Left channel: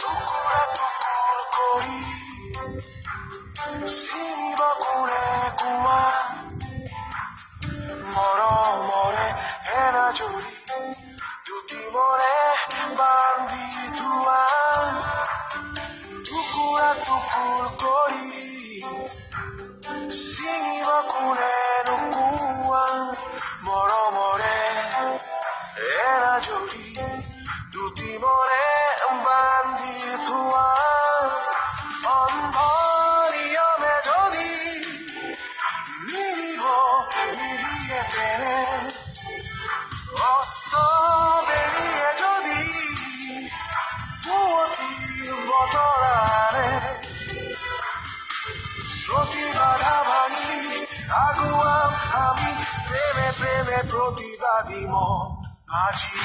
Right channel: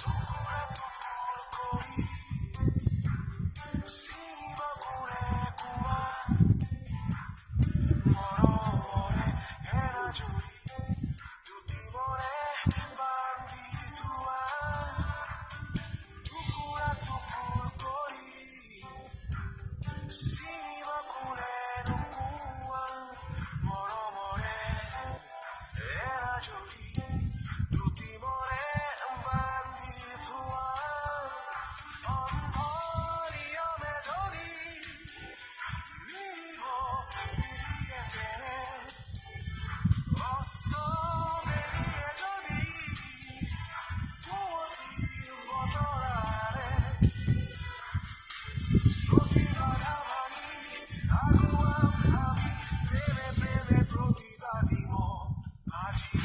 টুকুৰা টুকুৰ কৰি চিব কোনে কোৱা মৰমৰে এনাজৰি দুটি মৰে বান্ধি থোৱা টুকুৰা টুকুৰ কৰি চিব কোনে নোকোৱা মৰমৰে এনাজৰি দুটি মৰে বান্ধি থোৱা অন্ধনিয়মে যদি মিলিব মিলিয়ে তেনে অস্ত বেৰিয়ে যদি পুৱতিৰ বতৰাৰে প্ৰতিবাধা ভাঙি আগুৱাম আমি প্ৰেমে প্ৰেমে প্ৰতিবাদী মন আজি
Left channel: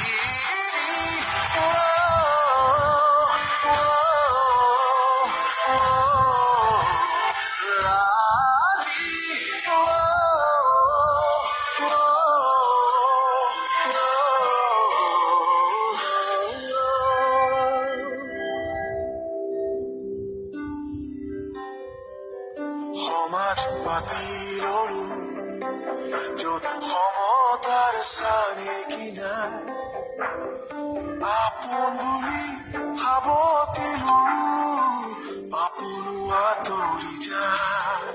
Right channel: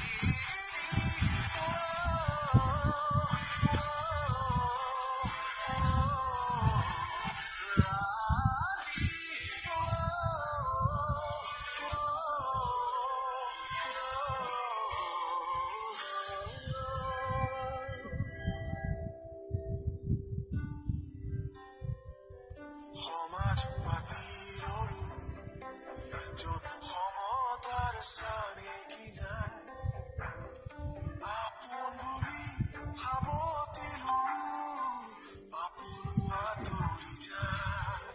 সমাজ পাতি ললো য'ত সমতাৰ চানে কিনাই আপোন বুলি সাৱটিলো আপোনো আঁতৰি যায়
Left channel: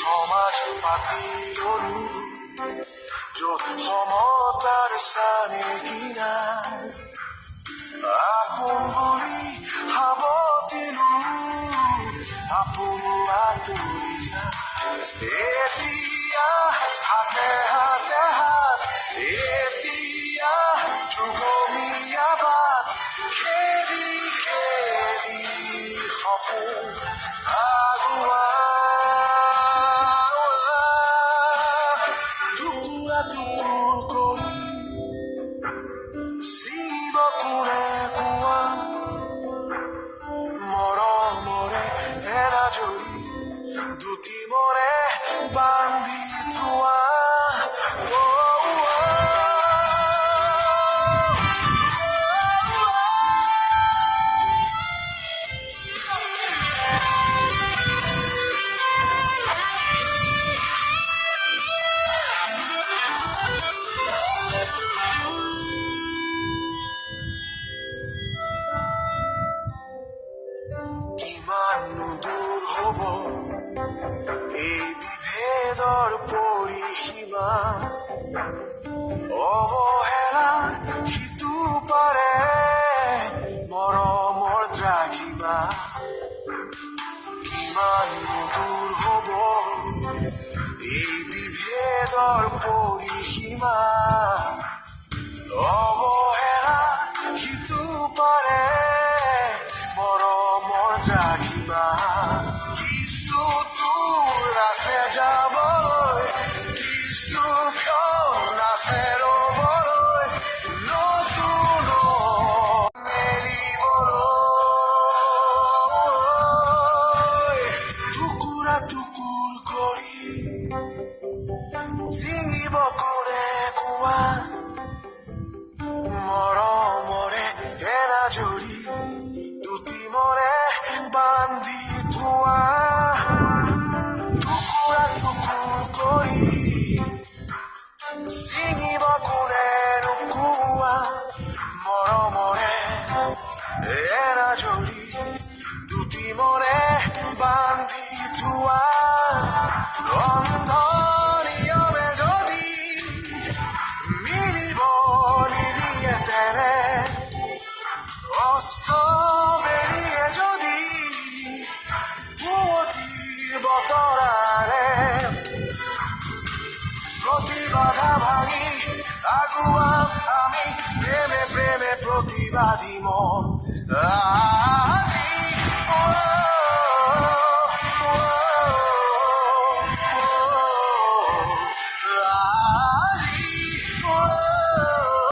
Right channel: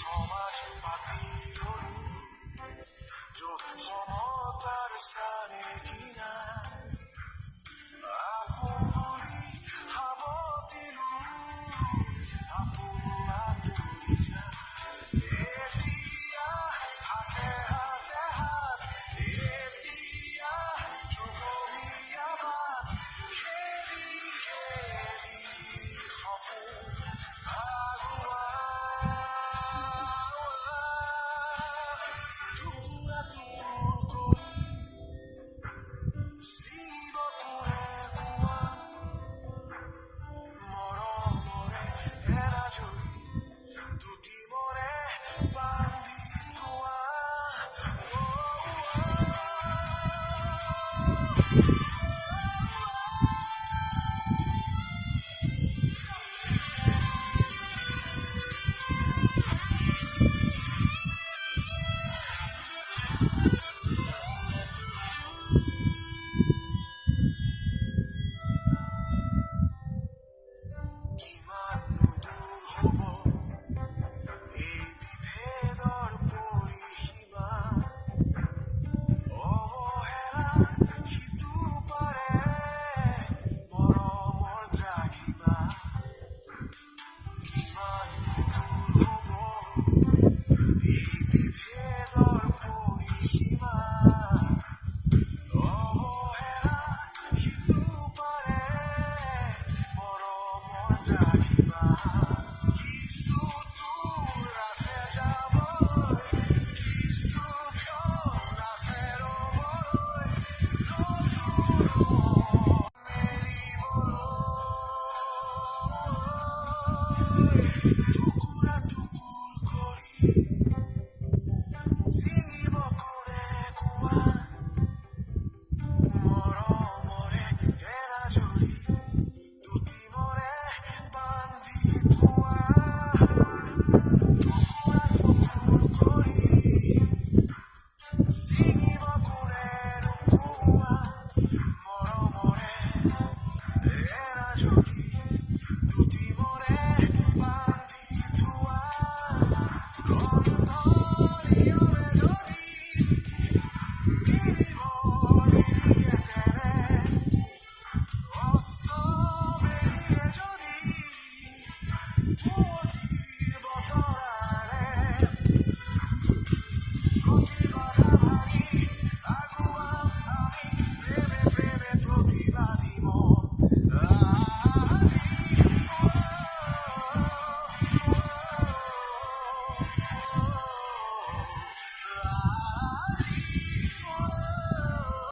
সমাজ পাতি ললো য'ত সমতাৰ চানে কিনাই আপোন বুলি সাৱটিলো আপোনো আঁতৰি যায় এতিয়া হাতে হাতে হাত এতিয়া যুগমীয়া বাট খেদি খেদি সপোন আগুৱা টুকুৰা টুকুৰ কৰি চিব কোনে কোৱা মৰমৰে এনাজৰি দুটি মৰে বান্ধি থোৱা কিমান দূৰ হ'ব এই বিভেদৰ পৰিসীমা অৱহেলা সিটো পাৰে মৰমৰ দ্ৰাঘিমা কিমান দূৰ হ'ব এই বিভেদৰ পৰিসীমা অৱহেলা সিটো পাৰে মৰমৰ দ্ৰাঘিমা কিছু দূৰ আছে যাবলৈ কিছু ক্ষণ আছে ৰ'বলৈ নতুন মেলিবলৈ টুকুৰা টুকুৰ কৰি ছিঙিব কোনে কোৱা মৰমৰে এনাজৰি দুটি মৰে বান্ধি থোৱা টুকুৰা টুকুৰ কৰি ছিঙিব কোনে নোকোৱা মৰমৰে এনাজৰি দুটি মৰে বান্ধি থোৱা অন্ধনিয়মে যদি মিলিব নিদিয়ে তেনে অস্ত বেৰিয়ে যদি পুৱতিৰ বতৰাৰে প্ৰতিবাধা ভাঙি আগুৱাম আমি প্ৰেমে প্ৰেমে প্ৰতিবাদী মন